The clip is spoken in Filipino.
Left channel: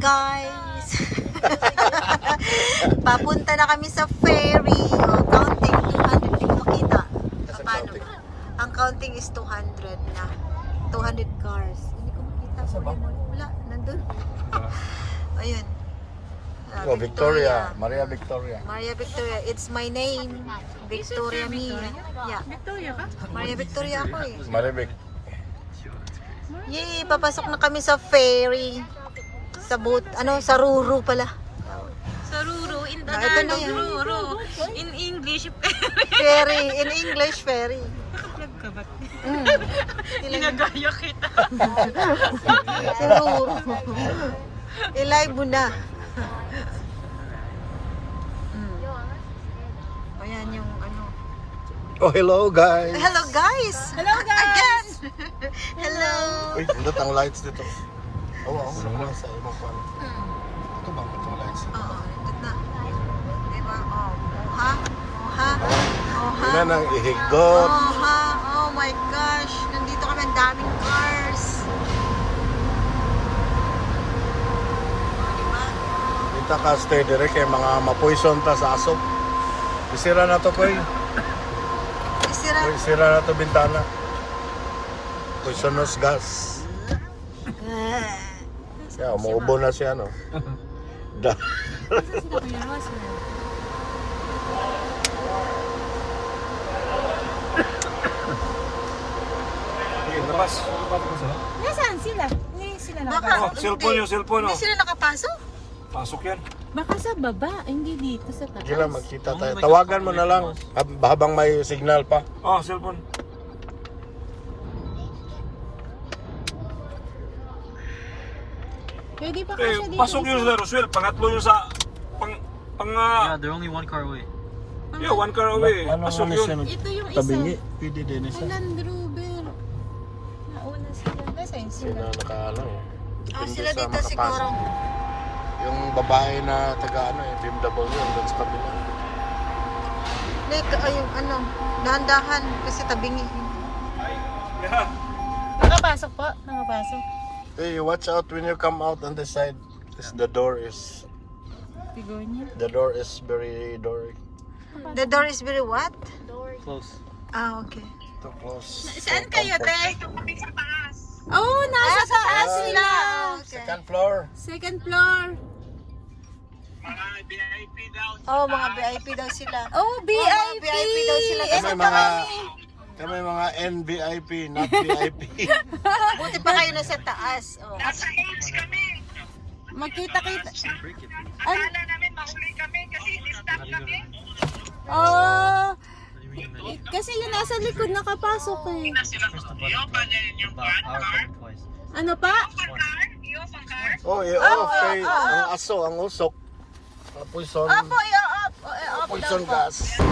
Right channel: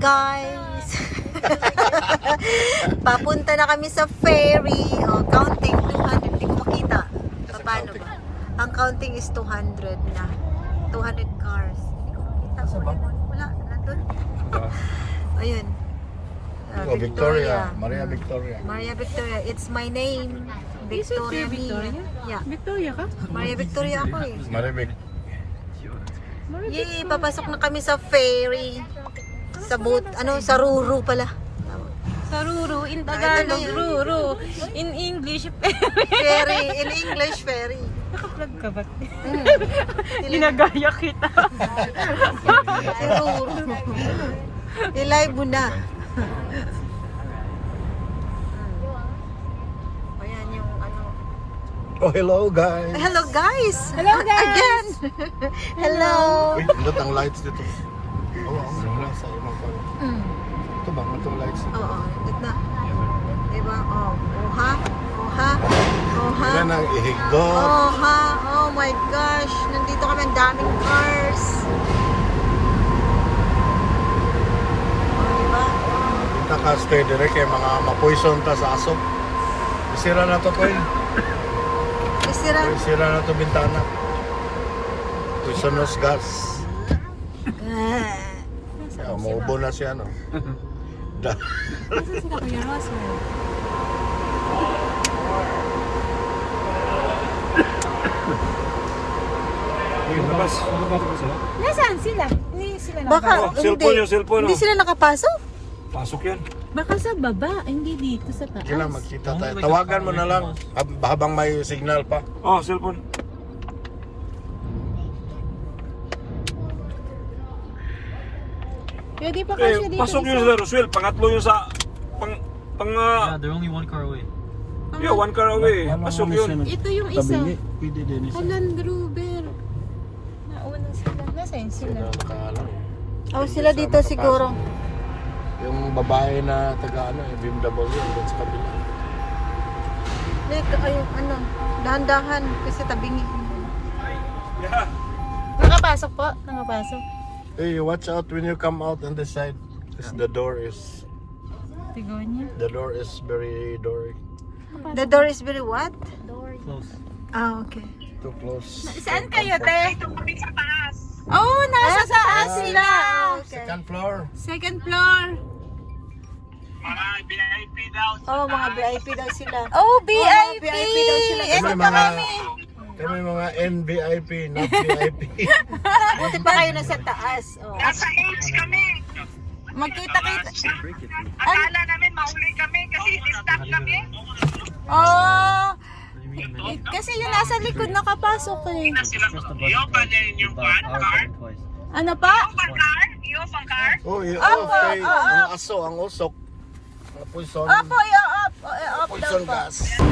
guys! Papunta na kami sa ferry. Oh, counting 200. Hindi ko makita. Paano ba? Ang counting is 200 na. 200 cars. Hindi ko makita. Wala. Nandun. Ayun. Victoria. Maria Victoria. Maria Victoria. It's my name. Victoria me. Yeah. Victoria ka? Maria Victoria ako eh. Maria Vic. Yay! Papasok na kami sa ferry. Sa boat. Sa Ruru pala. Sa Ruru, in Ito na Tagalog, yun. Ruru. In English, Ferry. In English, ferry. nakaplug ka ba? Ginagaya kita. Si Ruru. I-live mo na. Ayan yung Oh, hello guys. Hello guys! Hello, guys! Again! Hello! Uy, pindot ang lights dito. Oo, lang sa imong pala. Ito ba itong lights? Oo, ito na. Diba? Oha. Yan ang ihigot. Oha. Oh my gosh. Nandito kami, ang daming cars. Diba? Kita ka stay direct kay mga mapoison ta sa aso. Isira na to koy. Isira. Isira na to bintana. Poisonous gas. Siya, umuubo na siya no. Labas. Nasaan sila? Hindi sila Baka, Cellphone yung cellphone. Hindi sila nakapasok? Pasok yan. Baka sa baba, hindi dito sa taas. Sige lang, magkita tayo. Tawagan mo na lang habang may signal pa. Oh, cellphone. Pwede pa kasi dito. Pasok yung sa Roswell, pangatlo yung sa Yeah, they're only one car away. yeah, one car away. Pasok yun. Ito yung isa. Tabingi. Pwede din isa. Land Rover. Nasaan sila? Sino nakaano eh. Oh, sila dito siguro. Yung babae na taga BMW doon sa kabila. Like, dahan-dahan kasi tabingi. Nakapasok po? Nakapasok. Hey, watch out when you come out on this side. The door is very dory. The door is very what? Close. Ah, okay. Too close. Saan kayo, te? Oh, nasa taas sila. Okay. Second floor. Second floor. Oh, mga VIP daw sila. Oh, Mga VIP daw sila na sa taas. Kami mga NVIP, not VIP. Buti pa kayo na sa taas. Oh. Nasa age kami. Magkita-kita. Akala namin mauli kami kasi stop kami. Oh, kasi yung nasa likod nakapasok eh. Yung pa din yung car? Ano pa? Yung pang car? Oh, yeah, kay ang aso, ang usok. Poison, Opo, i-up. poison gas.